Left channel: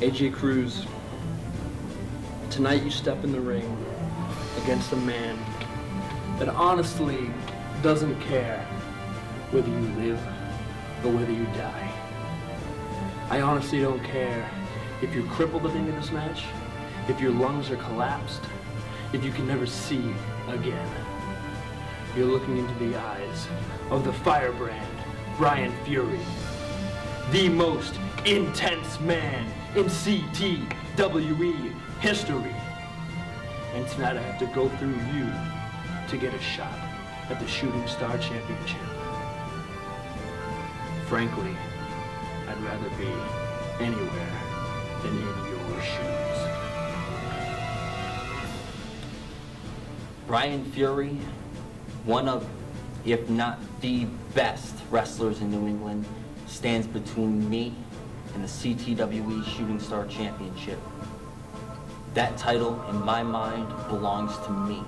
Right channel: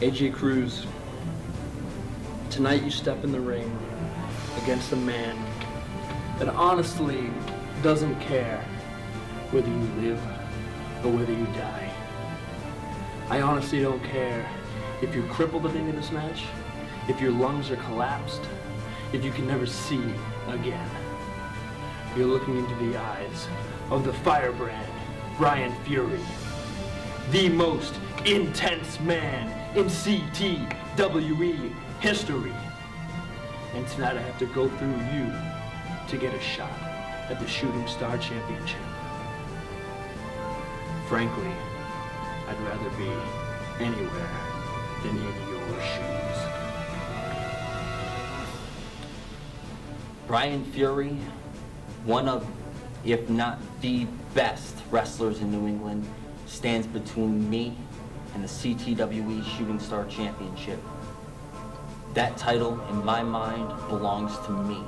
AJ Cruz, tonight you step in the ring against a man that honestly doesn't care whether you live or whether you die. I honestly don't care if you're crippled at the end of this match, if your lungs are collapsed, if you can never see again. You're looking into the eyes of the firebrand, Brian Fury, the most intense man in CTWE history. And tonight I have to go through you to get a shot at the Shooting Star Championship. Frankly, I'd rather be anywhere than in your shoes. Brian Fury, one of, if not the best wrestlers in New England, stands between me and the CTWE Shooting Star Championship. That title, in my mind, belongs to me.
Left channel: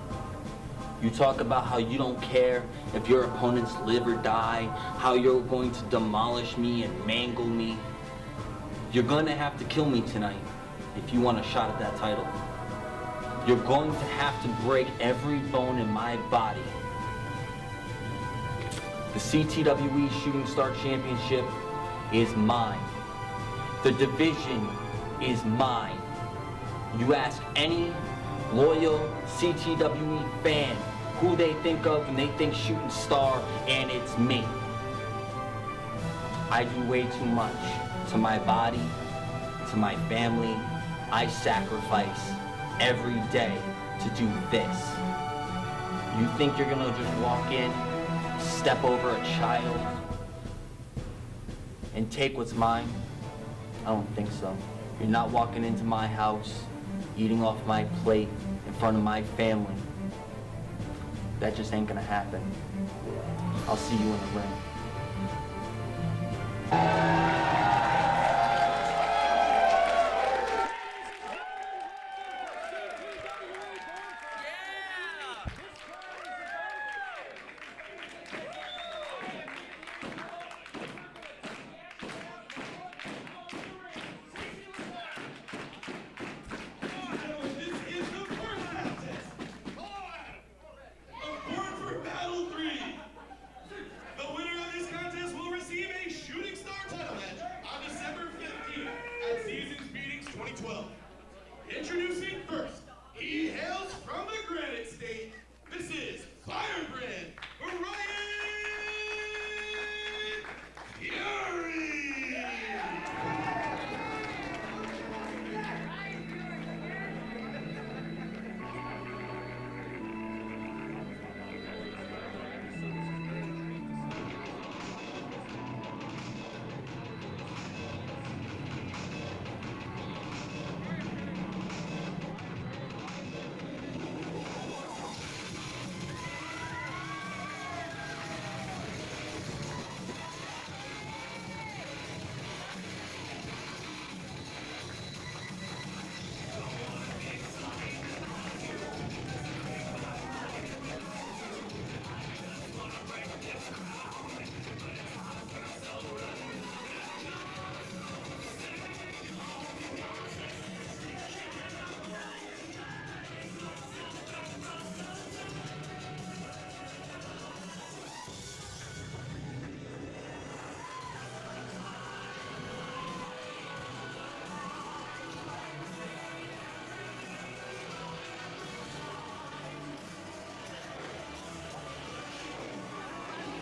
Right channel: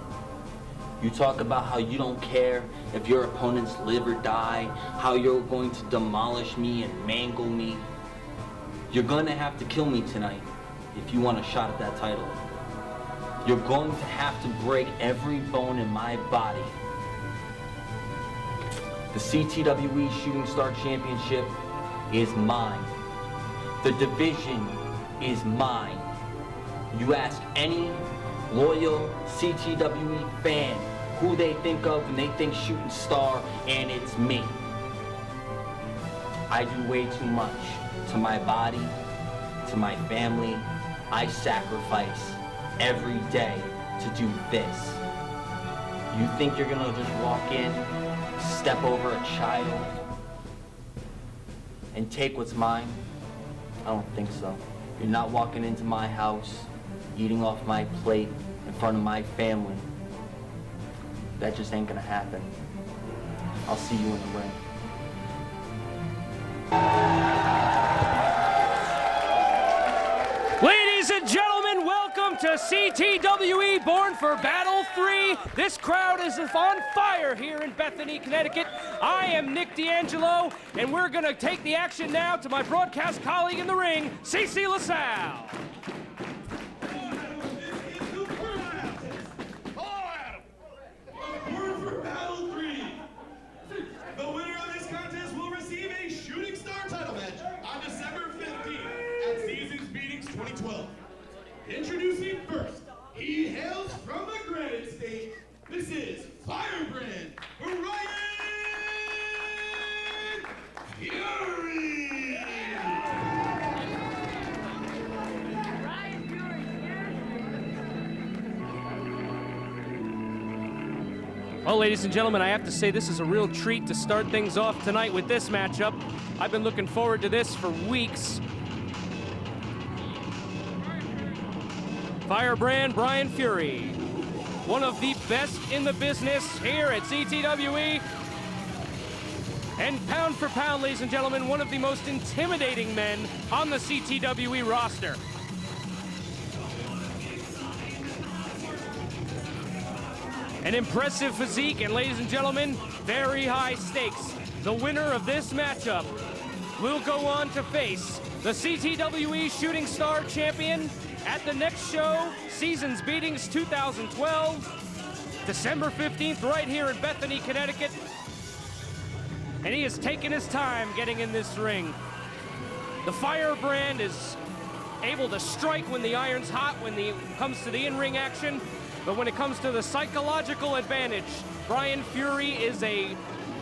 You talk about how you don't care if your opponents live or die, how you're going to demolish me and mangle me. You're gonna have to kill me tonight if you want a shot at that title. You're going to have to break every bone in my body. The CTWE Shooting Star Championship is mine. The division is mine. You ask any loyal CTWE fan who they think of when they think Shooting Star, and it's me. I do way too much to my body, to my family. I sacrifice every day to do this. You think you're gonna just walk in, step over a child, and take what's mine? I don't think so. You're not walking into my house, eating off my plate in front of my family. That just ain't gonna happen. I'll see you in the ring. Ladies and gentlemen, welcome to CTWE Born for Battle 3. This crowd is on fire here in Bethany, Connecticut. I am Nick D'Angelo, and we're gonna take the action now to my broadcast colleague in the ring, CC LaSalle. Born for Battle 3. The winner of this contest will receive a Shooting Star title match on December 15th at Seasons Meetings 2012. Introducing first, he hails from the Granite State. This is Firebrand Brian Fury. Well, ladies and gentlemen, I have to say this is a real treat to start things off tonight with this matchup. I've been looking forward to this for weeks. Firebrand Brian Fury, one of the best in the business here at CTWE. And pound for pound, ladies and gentlemen, one of the most intimidating men on the CTWE roster. An impressive physique, and ladies and gentlemen, very high stakes. The winner of this matchup will go on to face the CTWE Shooting Star Champion at the next show, Seasons Beatings 2012, December 15th, right here in Bethany, Connecticut. And he has taken his time getting in this ring. The Firebrand is able to strike when the iron's hot, when it comes to the in-ring action. But when it comes to the psychological advantage, Brian Fury is a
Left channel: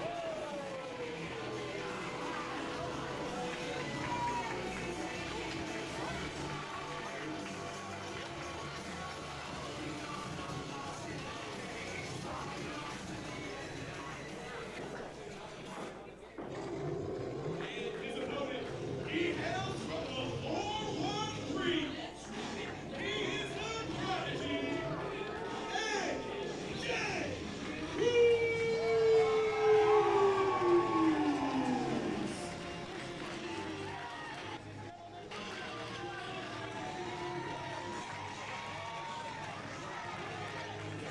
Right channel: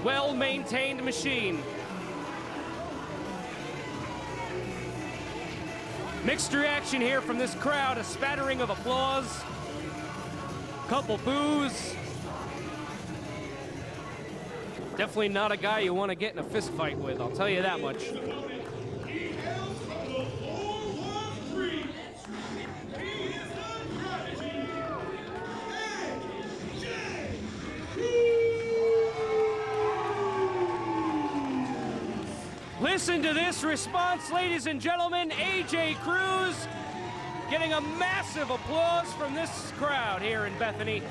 well-maintained machine. Mixed reaction here from this crowd, a spattering of applause, couple boos. Definitely not a guy you want to get in a fist fight with, I'll tell you that much. He hails from the 413. He is the prodigy. Listen to this response, ladies and gentlemen. AJ Cruz getting a massive applause from this crowd here in Bethany.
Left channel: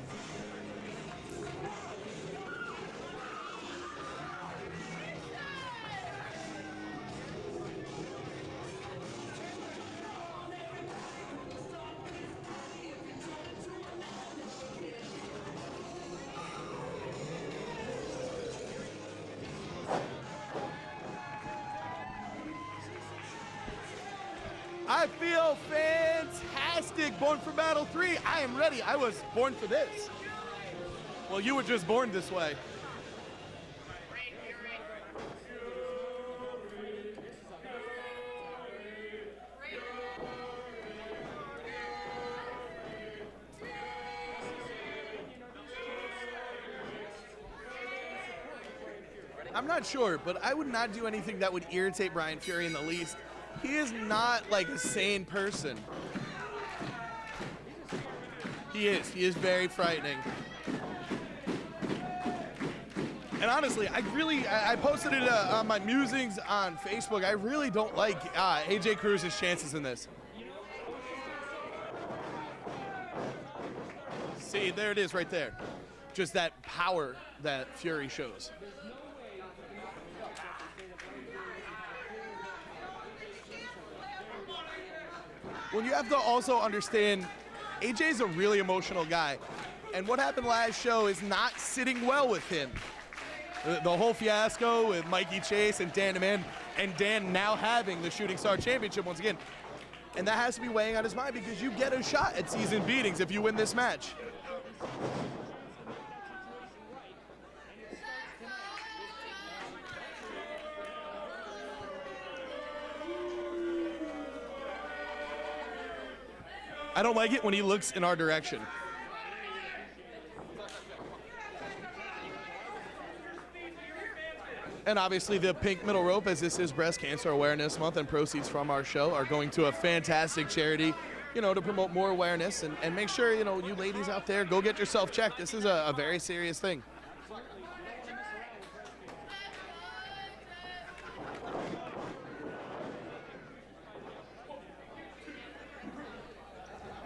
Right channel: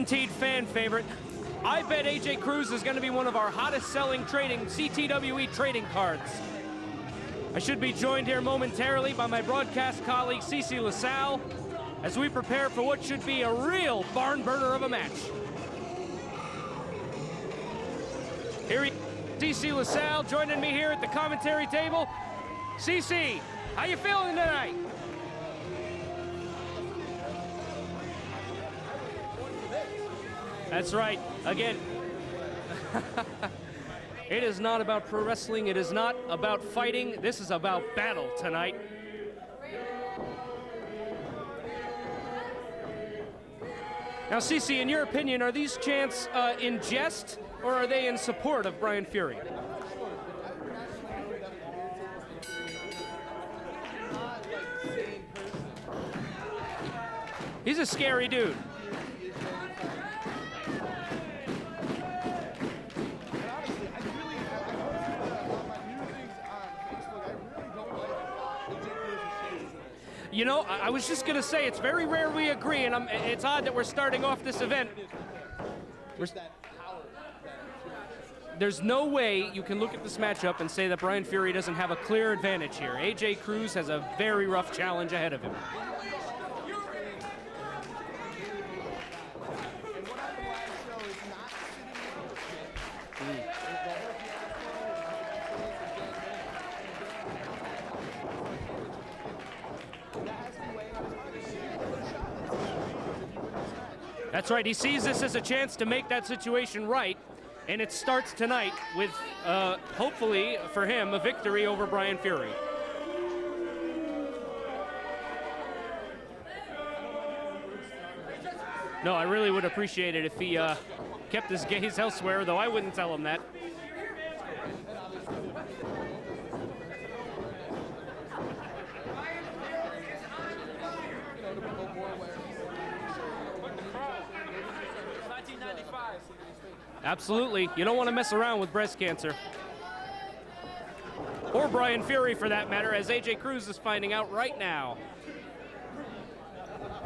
guaranteed fan favorite. I bet AJ Cruz is going to be one of our hottest selling CTWE trading cards. I should be joined here momentarily by my broadcast colleague CC LaSalle as we prepare for what should be a real barn burner of a match. Here he is, CC LaSalle joining me here at the commentary table. CC, how you feeling tonight? I feel fantastic. Born for Battle 3. I am ready. I was born for this. That's right. Well, you were just born this way. It is not about pro wrestling. It is not about fighting. This is about battle tonight. Now, CC, in your opinion, are these chants in jest or are they in support of Brian Fury? I'm not sure, but I would not do anything that would irritate Brian Fury in the least. He is not like a sane person. He's a scary dude. He is. He is very frightening. And honestly, I posted it on my musings on Facebook. I really don't like AJ Cruz's chances in this. You know, I was just going to say, it's very rare we agree, and it's odd that we're starting off this event. There it is right there. Just that power that Fury shows. There's no way you can look at this matchup and say that Brian Fury doesn't have a clear advantage here. AJ Cruz has a very rough challenge ahead of him. Well, you have to also understand, AJ's a really emotional guy. And what happened last show is not sitting well with him. The whole fiasco with Mikey Chase and Dan Amen, and Dan now having the Shooting Star Championship once again. And that has to be weighing on his mind because you get a shot at season beatings if you win this match. That's right. He sees this as a chance to make that situation right. And it starts tonight with, hopefully for him, a victory over Brian Fury. I don't like it when he looks in our direction. No, I really would appreciate it if he kept his gaze elsewhere, though I wouldn't tell him that. And obviously the pink middle rope, as this is Breast Cancer Awareness Month, and proceeds from our show are going to a fantastic charity, you know, to promote more awareness and make sure, you know, you ladies out there, go get yourself checked. This is a very serious thing. Absolutely. You don't want to mess around with breast cancer. Or Brian Fury, for that matter, as AJ Cruz is finding out right now.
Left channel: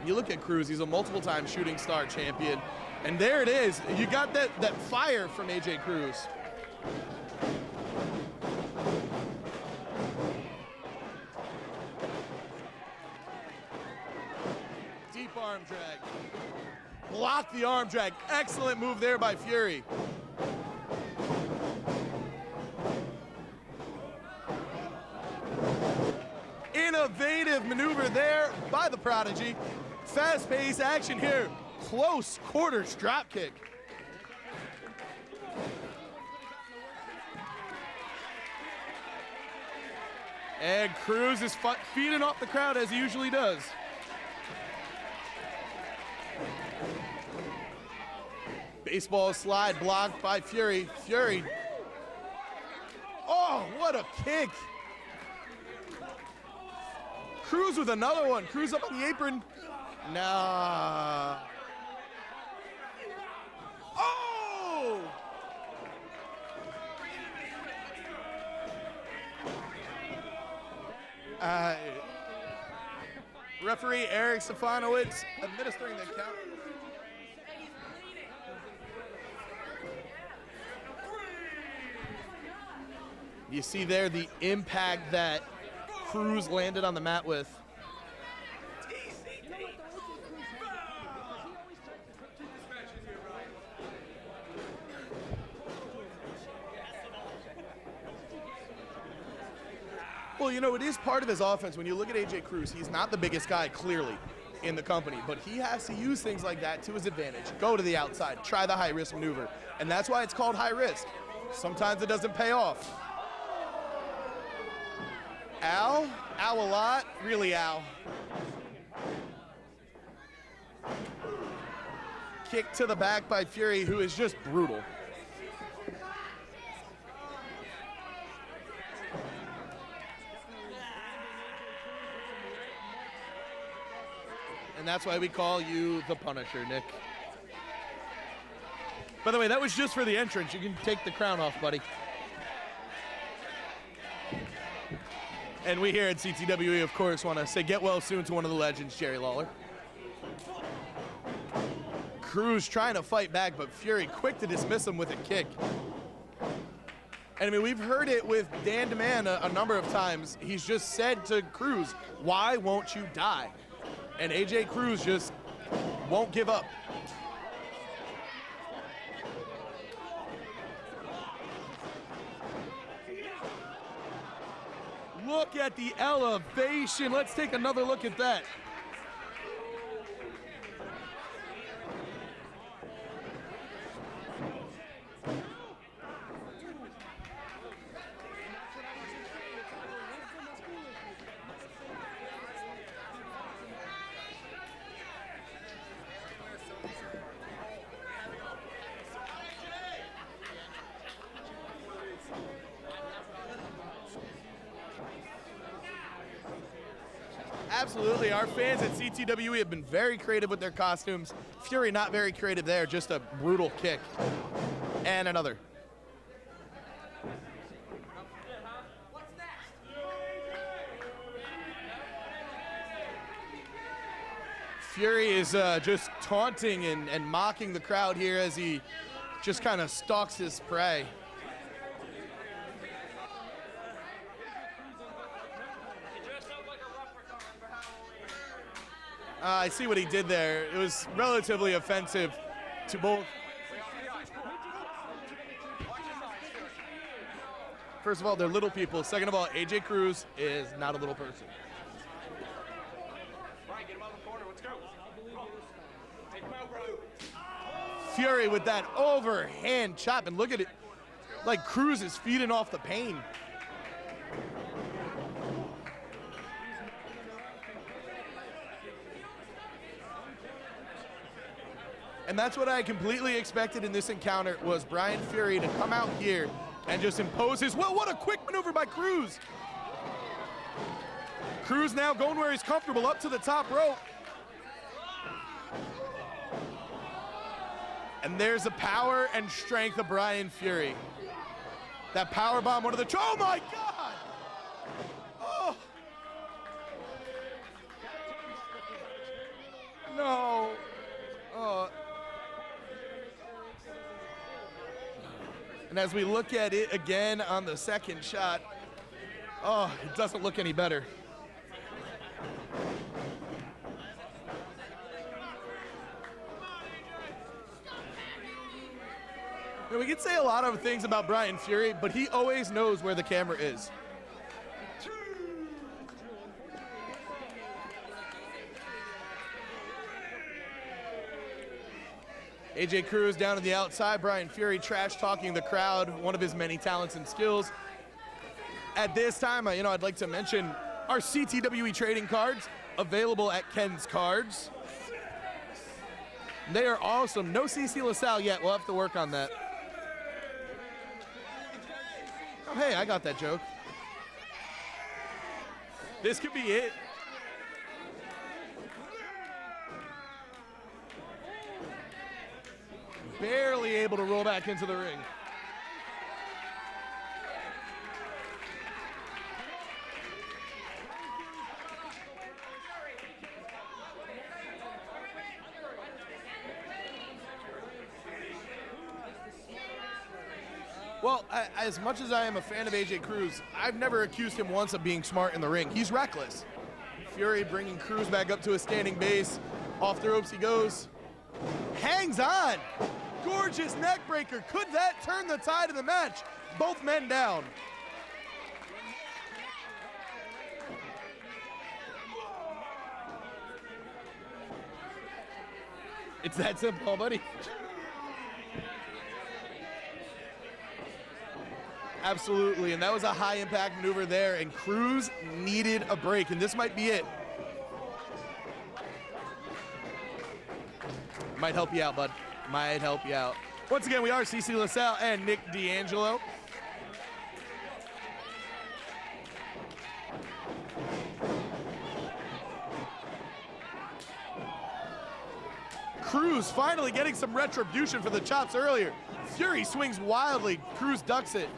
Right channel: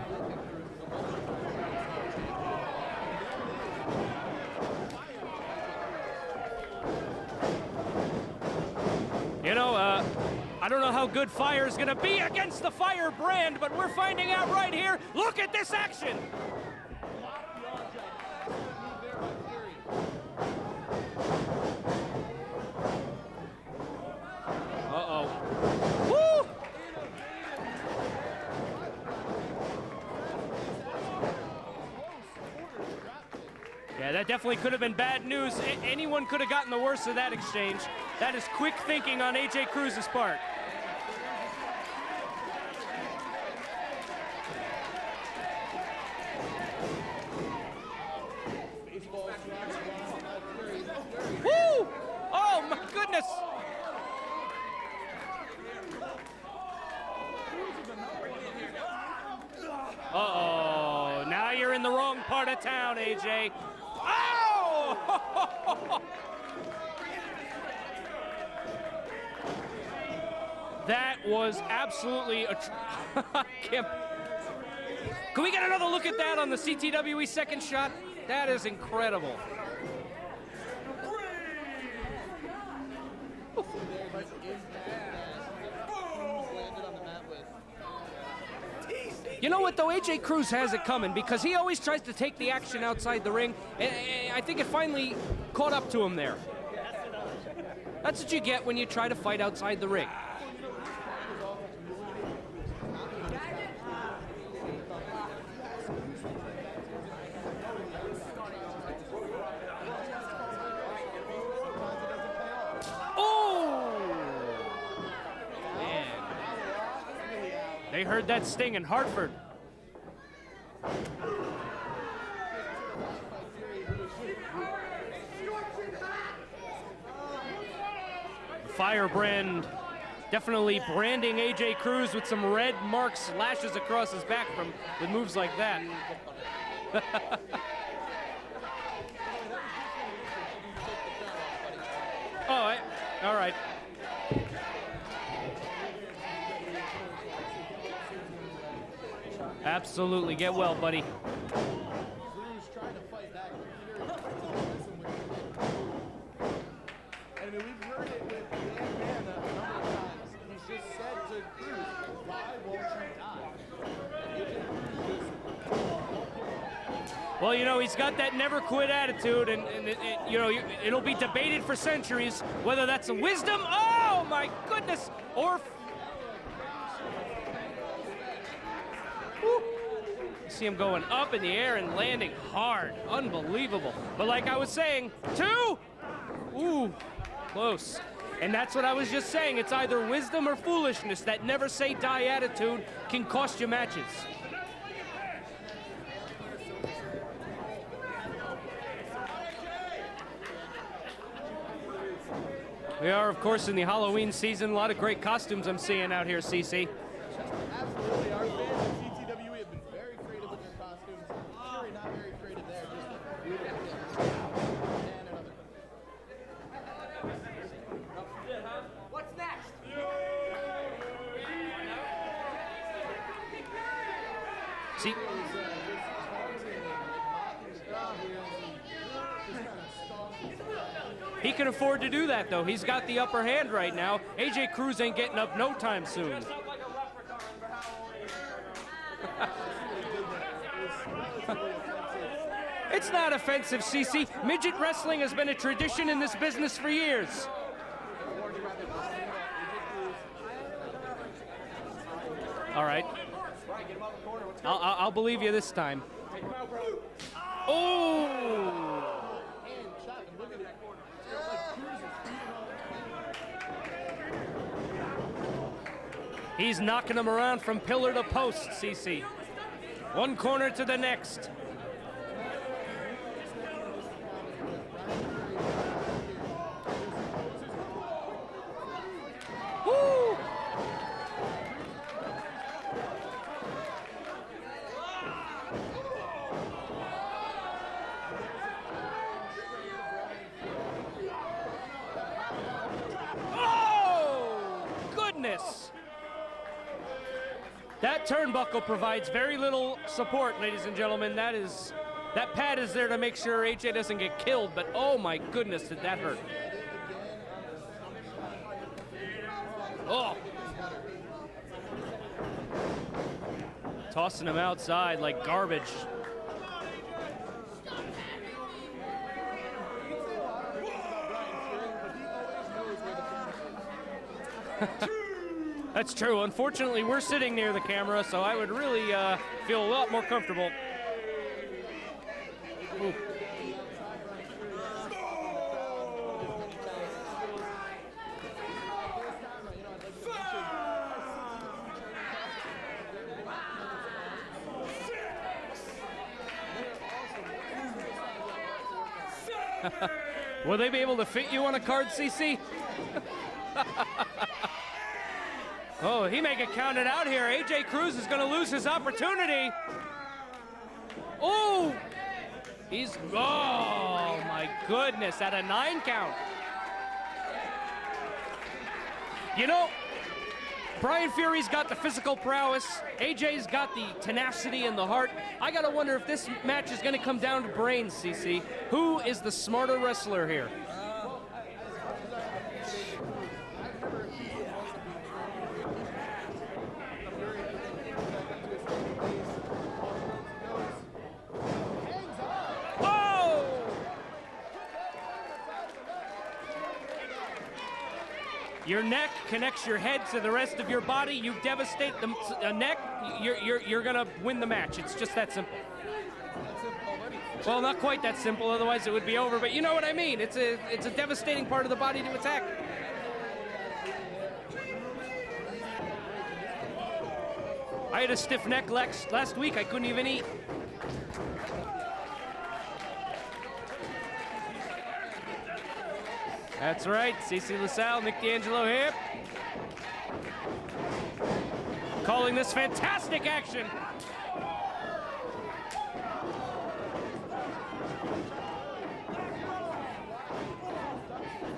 You look at Cruz, he's a multiple-time Shooting Star champion. And there it is. You got that fire from AJ Cruz. You know, I don't know how good fire is going to be against the Fire brand, but we're finding out right here. Look at this action. Block the arm drag. Excellent move there by Fury. Uh-oh. Woo! Innovative maneuver there by the Prodigy. Fast-paced action here. Close quarters drop kick. Yeah, that definitely could have been bad news. Anyone could have gotten the worst of that exchange. That is quick thinking on AJ Cruz's part. And Cruz is feeding off the crowd as he usually does. Baseball slide blocked by Fury. Fury. Woo! Oh, my goodness! Oh, what a kick. Cruz with another one. Cruz up on the apron. Oh, now you're in the wrong part of town, AJ. Oh! That was absolutely a... Referee Eric Stefanowicz. Can we get another look at that on the CTWE second shot? That is incredible. You see there the impact that Cruz landed on the mat with. You know what, though? AJ Cruz has it coming because he always tries to take the action outside the ring. And I think it finally caught up to him there. That's what you get when you try to fight outside the ring. Well, you know, it is part of his offense. When you look at AJ Cruz, he's not the biggest guy, clearly, in the company, but he has to use things like that to his advantage. Go to the outside, try the high-risk maneuver, and that's why it's called high risk. Sometimes it doesn't pay off. Oh! Al? Al a lot? Really, Al? They heard that sting in Hartford. Kick to the back by Fury, who is just brutal. Firebrand definitely branding AJ Cruz with some red marks, lashes across his back from And that's why we moves call like that. you the Punisher, Nick. By the way, that was just for the entrance. You can take the crown off, buddy. Oh, all right. And we here at CTWE, of course, want to say get well soon to one of the legends, Jerry Lawler. Absolutely. Get well, buddy. Cruz trying to fight back, but Fury quick to dismiss him with a kick. And I mean, we've heard it with Dan DeMann a number of times. He's just said to Cruz, why won't you die? And AJ Cruz just won't give up. Well, you know, he's got that never quit attitude, and you know, it'll be debated for centuries whether that's a wisdom. Oh, my goodness. Look at the elevation. Let's take another look at that. You see him going up in the air and landing hard. Unbelievable. But like I was saying, 2. Ooh, close. And that's what I was just saying. It's either wisdom or foolishness. That never say die attitude can cost you matches. We are, of course, in the Halloween season. A lot of great costumes I'm seeing out here, CC. Absolutely. Our fans at CTWE have been very creative with their costumes. Fury not very creative there, just a brutal kick. And another. What's next? Fury is just taunting and mocking the crowd here as he just kind of stalks his prey. He can afford to do that, though. He's got the upper hand right now. AJ Cruz ain't getting up no time soon. I see what he did there. It was relatively offensive. It's not offensive, CC. Midget wrestling has been a tradition in this business for years. First of all, they're little people. Second of all, AJ Cruz is not a little person. All right. I'll believe you this time. Oh! Fury with that overhand chop, and look at it. Like Cruz is feeding off the pain. He's knocking him around from pillar to post, CC. One corner to the next. And that's what I completely expected in this encounter, was Brian Fury to come out here and just impose his, well, what a quick maneuver by Cruz. Woo! Cruz now going where he's comfortable, up to the top rope. And there's the power and strength of Brian Fury. That power bomb, one of the, oh my, Oh! Goodness! Oh. That turnbuckle provides very little support, ladies and gentlemen. That pad is there to make sure AJ doesn't get killed, but oh my goodness. And as we look at it again on the second shot, it doesn't look any better. Tossing him outside like garbage. We can say a lot of things about Brian Fury, but he always knows where the camera is. That's true. Unfortunately, we're sitting near the camera, so I would really feel a lot more comfortable. AJ Cruz down on the outside, Brian Fury trash-talking the crowd, one of his many talents and skills. At this time, I'd like to mention our CTWE trading cards available at Ken's Cards. They are awesome. No CC LaSalle yet. We'll have to work on that. Will they be able to fit you on a card, CC? Hey, I got that joke. Oh, he may get counted out here. AJ Cruz is going to lose his opportunity. Oh! He's barely able to roll back into the ring. Goodness, at a 9 count. You know, Brian Fury's got the physical prowess. AJ's got the tenacity and the heart. I gotta wonder if this match is gonna come down to brains, CC. Who is the smarter wrestler here? Well, as much as I am a fan of AJ Cruz, I've never accused him once of being smart in the ring. He's reckless. Fury bringing Cruz back up to a standing base. Off the ropes he goes. Hangs on. Oh! Gorgeous neck breaker. Could that turn the tide of the match? Both men down. Your neck connects your head to the rest of your body. You devastate the neck, you're gonna win the match. It's just that simple. It's that simple, buddy. Well, not quite that simple, otherwise it would be over, but you know what I mean. It's a devastating part of the body to attack. Absolutely, and that was a high-impact maneuver there, and Cruz needed a break, and this might be it. I had a stiff neck last week. I couldn't even eat. Might help you out, bud. Might help you out. Once again, we are CC LaSalle and Nick D'Angelo. That's right, CC LaSalle, Nick D'Angelo here. Calling this fantastic action. Cruz finally getting some retribution for the chops earlier. Fury swings wildly. Cruz ducks it.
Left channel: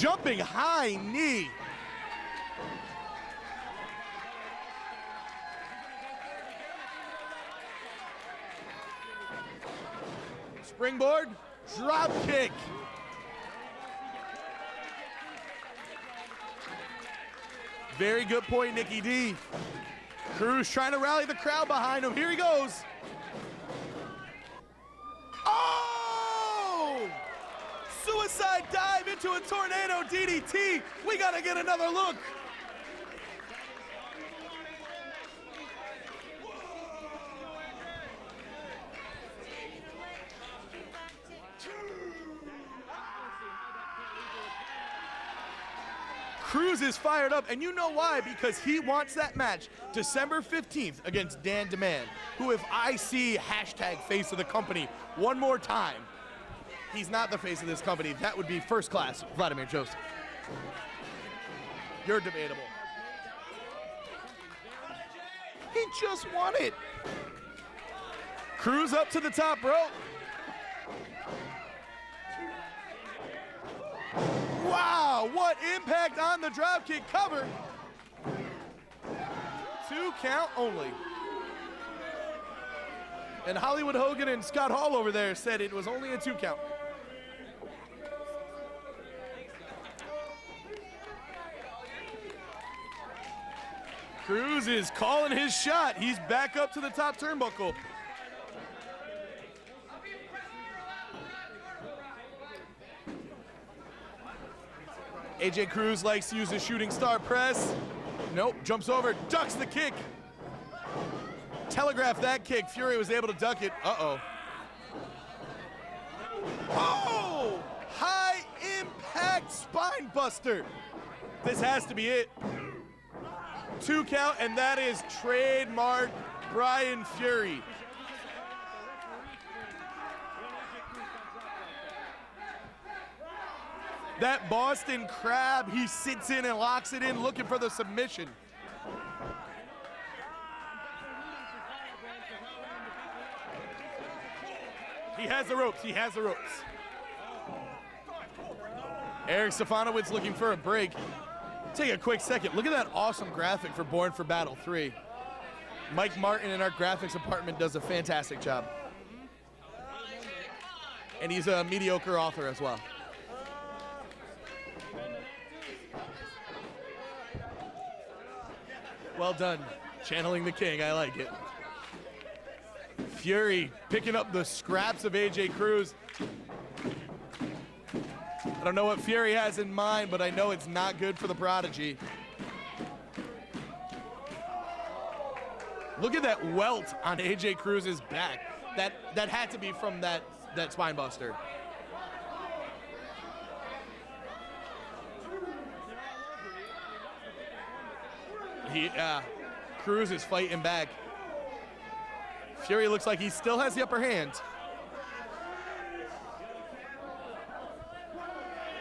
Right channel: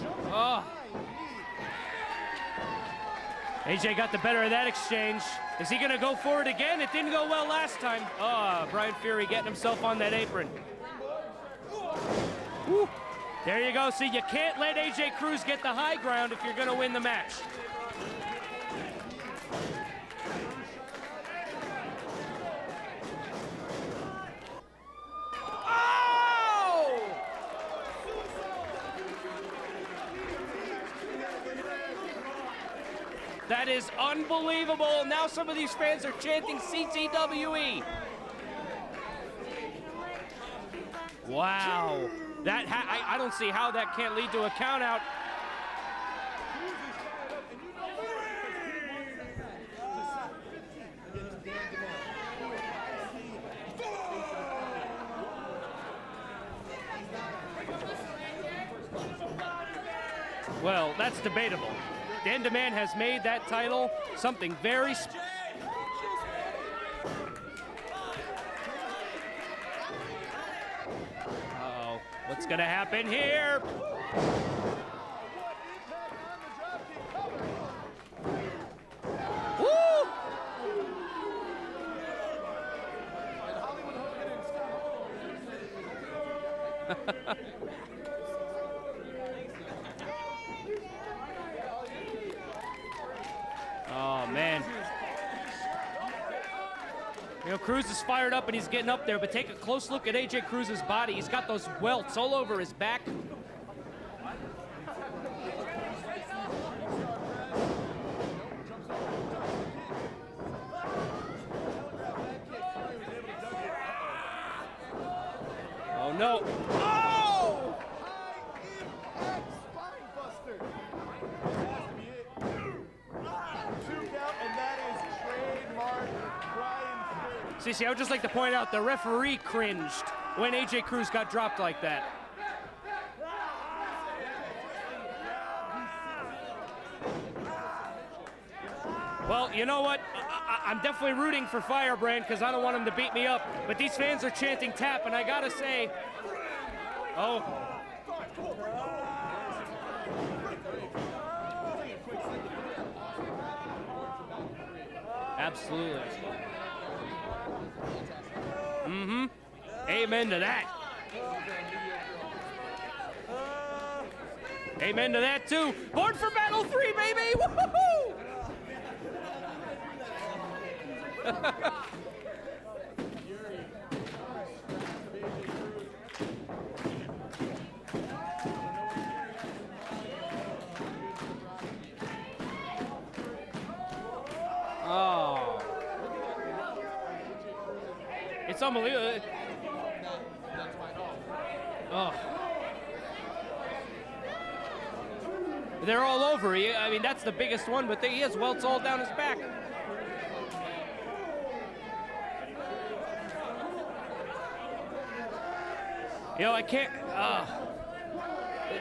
Jumping high knee. AJ got the better of that exchange. Is he gonna go for it again? It didn't go well last time. Brian Fury getting himself on that apron. Springboard, drop kick. Woo. There you go. See, you can't let AJ Cruz get the high ground if you're gonna win the match. Very good point, Nikki D. Cruz trying to rally the crowd behind him. Here he goes. Oh! Suicide dive into a tornado DDT. We gotta get another look. That is unbelievable. Now some of these fans are chanting CTWE. Wow. I don't see how that can't lead to a count out. Cruz is fired up, and you know why, because he wants that match December 15th against Dan Demand, who, if I see hashtag face of the company one more time, he's not the face of this company. That would be first class Vladimir Joseph. Well, that's debatable. Dan Demand has made that title something very special. He just won it. Cruz up to the top rope. Uh-oh. What's gonna happen here? Wow, what impact on the dropkick cover. Woo! 2 count only. And Hollywood Hogan and Scott Hall over there said it was only a 2 count. Oh, man. Cruz is calling his shot. He's back up to the top turnbuckle. Cruz is fired up and he's getting up there, but take a close look at AJ Cruz's body. He's got those welts all over his back. AJ Cruz likes to use a shooting star press. Nope, jumps over, ducks the kick. Telegraphed that kick. Fury was able to duck it. Uh-oh. Oh, no. Oh! High impact spine buster. This has to be it. 2 count, and that is trademark Brian Fury. See, I would just like to point out the referee cringed when AJ Cruz got dropped like that. That Boston Crab, he sits in and locks it in, looking for the submission. Well, you know what? I'm definitely rooting for Firebrand because I don't want him to beat me up. But these fans are chanting tap, and I gotta say, he has the ropes. oh, Eric Stefanowicz looking for a break. Take a quick second. Look at that awesome graphic for Born for Battle 3. absolutely. Mike Martin in our graphics department does a fantastic job. Mm-hmm. Amen to that. And he's a mediocre author as well. Amen to that too. Born for Battle 3, baby! Woo-hoo-hoo! Well done. Channeling the king. I like it. Fury picking up the scraps of AJ Cruz. I don't know what Fury has in mind, but I know it's not good for the Prodigy. Oh. Look at that welt on AJ Cruz's back. It's unbelievable. That had to be from that spine buster. Oh. They're all over. I mean, that's the biggest one, but he has welts all down his back. Cruz is fighting back. Fury looks like he still has the upper hand. You know, I can't.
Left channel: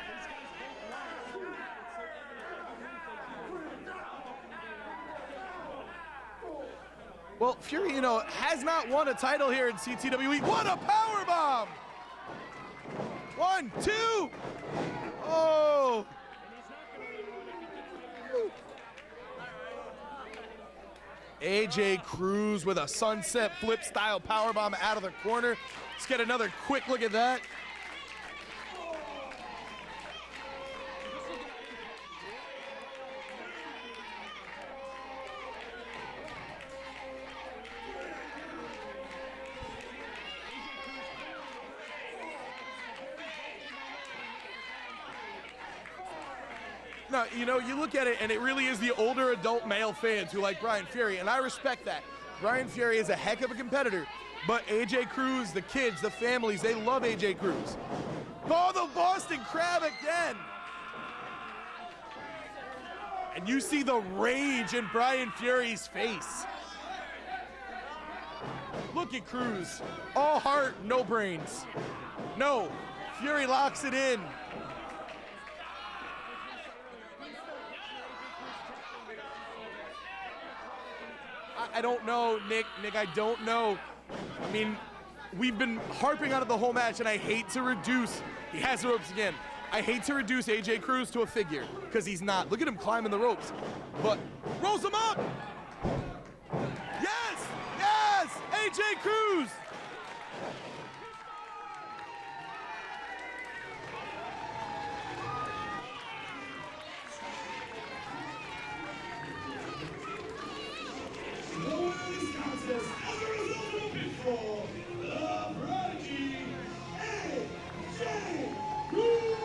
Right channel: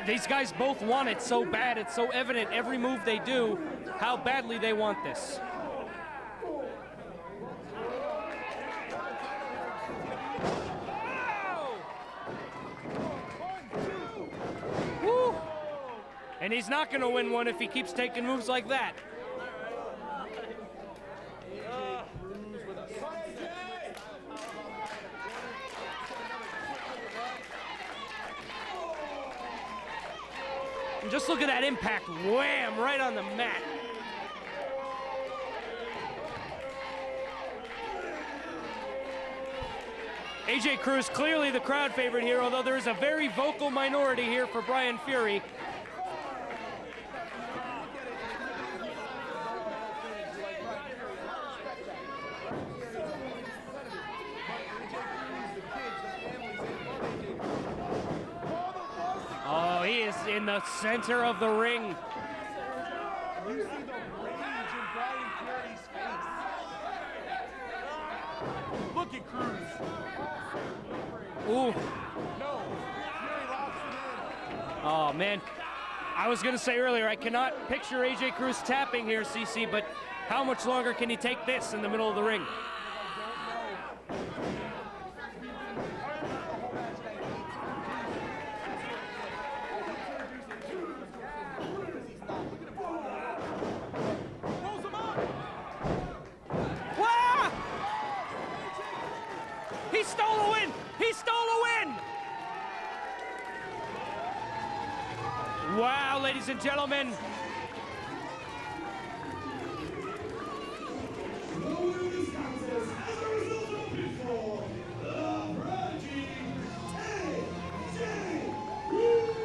These guys both want it so bad. It's so evident every move they do how badly they want this. Well, Fury, you know, has not won a title here in CTWE. What a powerbomb! 1, 2. Whoa! And he's not going to win one if he keeps taking moves like that. AJ Cruz with a sunset flip style powerbomb out of the corner. Let's get another quick look at that. And just look at that impact. Wham! Right on the mat. AJ Cruz, clearly the crowd favorite here, although there is a very vocal minority here for Brian Fury. No, you know, you look at it, and it really is the older adult male fans who like Brian Fury, and I respect that. Brian Fury is a heck of a competitor, but AJ Cruz, the kids, the families, they love AJ Cruz. Oh, the Boston Crab He is again. in the center of the ring. And you see the rage in Brian Fury's face. Look at Cruz. All heart, no brains. Ooh. No. Fury locks it in. Oh, man. I was going to say earlier, I cannot picture AJ Cruz tapping here, CC, but how much longer can he take this in the middle of the ring? Nick, I don't know. I mean, we've been harping on it the whole match, and I hate to reduce. He has the ropes again. I hate to reduce AJ Cruz to a figure, because he's not. Look at him climbing the ropes. But rolls him up! Wow! Yes! AJ Cruz! He stole a win! He stole a win! Wow, ladies and gentlemen. The winner of this contest as a result of a pinfall, the Prodigy, AJ Cruz!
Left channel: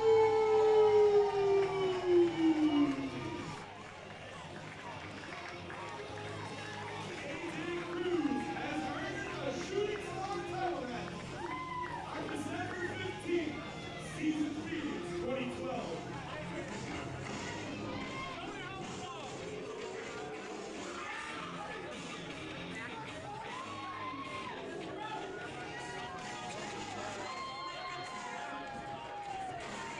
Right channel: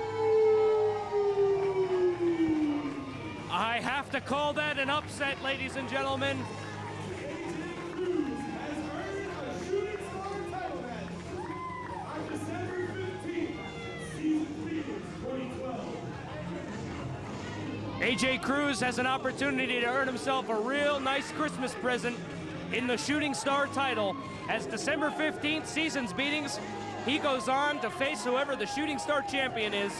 I have to call that an upset, ladies and gentlemen. AJ Cruz has earned a Shooting Star title match on December 15th, Season Meetings 2012. AJ Cruz has an opportunity to earn himself a real nice Christmas present in the Shooting Star title. As December 15th Seasons Meetings, he goes on to face whoever the Shooting Star champion is.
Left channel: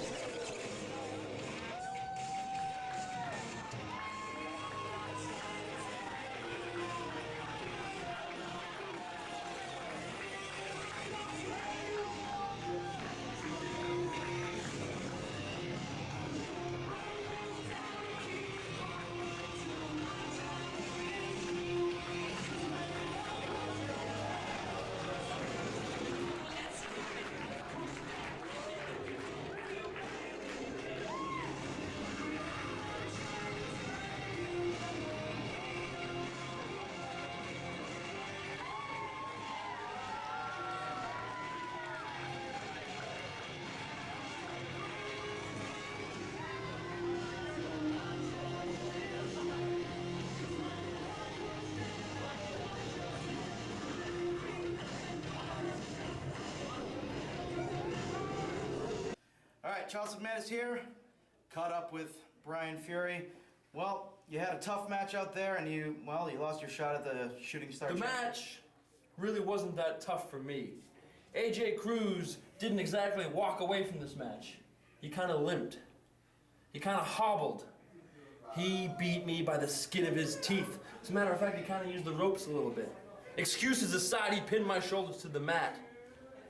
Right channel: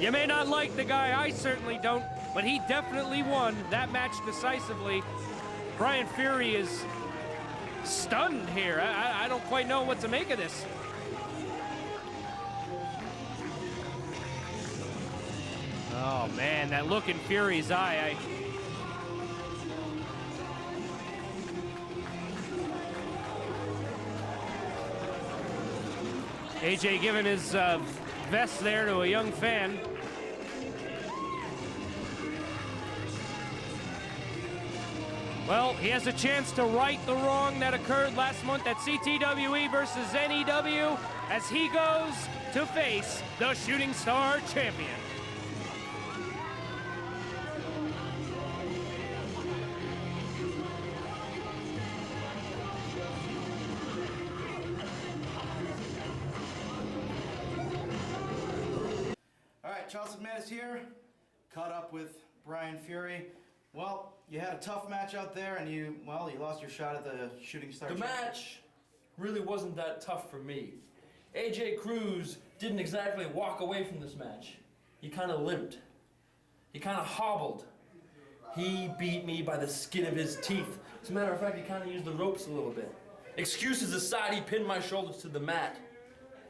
You may not like the guy, I certainly don't, but he definitely won that match decisively. Brian Fury is stunned here. I don't quite know what to make of this. Oh man, that look in Fury's eye. AJ giving his vest there to a young fan. Well, he has a chance to right the wrong that occurred last month at CTWE versus NEW as he goes to face the Shooting Star champion. All right, Charles McManus here, caught up with Brian Fury. Well, you had a tough match out there, and you lost your shot at the Shooting Star. The match really wasn't that tough for me. AJ Cruz didn't exactly walk away from this match. He kind of limped. He kind of hobbled. He beat me by the skin of his teeth. As a matter of fact, he kind of used the ropes a little bit. Excuses aside, he pinned my shoulders to the mat.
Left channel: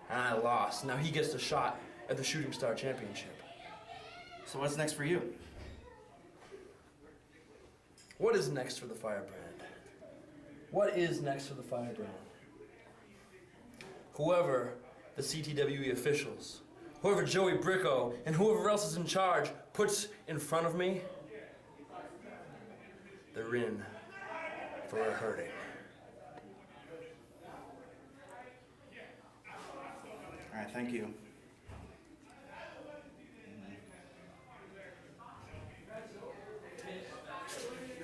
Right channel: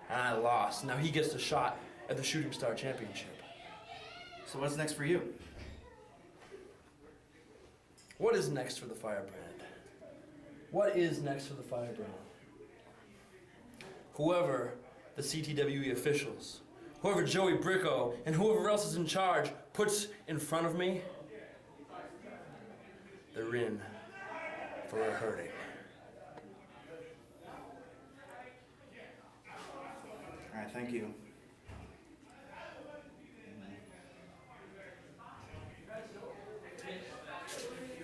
And I lost. Now he gets the shot at the Shooting Star Championship. So what's next for you? What is next for the Firebrand? What is next for the Firebrand? Whoever the CTWE officials, whoever Joey Bricko, and whoever else is in charge puts in front of me, they're in for a hurting. All right, thank you.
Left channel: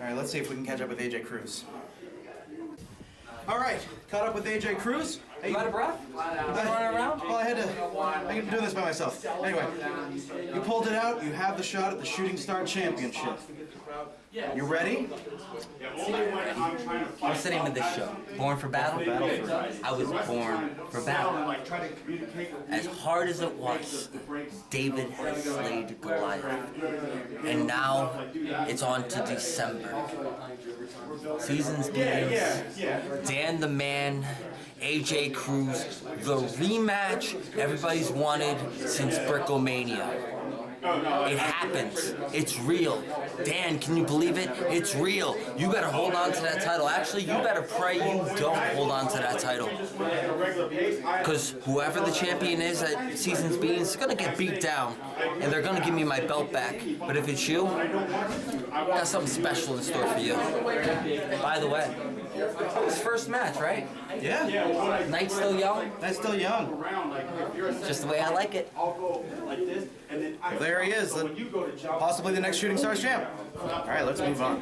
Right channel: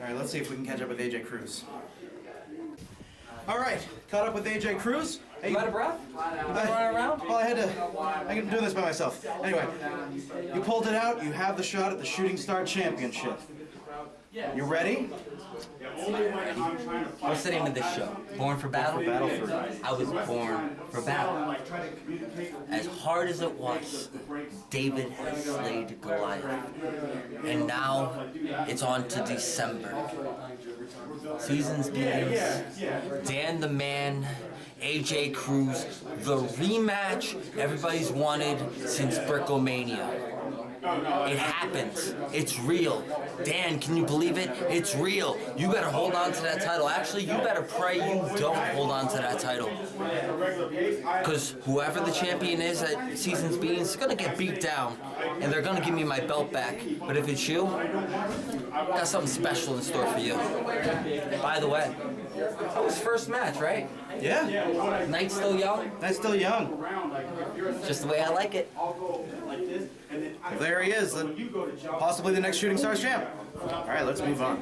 All right, let's see if we can catch up with AJ Cruz. All right, caught up with AJ Cruz. Hey, You out of breath? You been running around? well, I've been doing this by myself. Anyway, you pulled it out. You have the shot at the Shooting Star Championship. You ready? What's the name of this show? Born for Battle? I was born for battle. As hard as it was, David has slayed Goliath. And now it's on to December. Seasons begins. Dan the Man, AJ Cruz, the rematch everybody's wanted since Brickomania. It happens. It's real. Dan, can you believe it? It's real. You better hold on to that title. Actually, you better pray you don't hold on to that title. Because whoever the champion is at Seasons Beatings is going to get beat down. And they're going to give me my belt back. But if it's you, I got something special in store for you. By the way, that was first match, right? Yeah. Night's still young? That's still young. Just the way I like it. There he is, possibly the next Shooting Stars champ. All right, let's move on.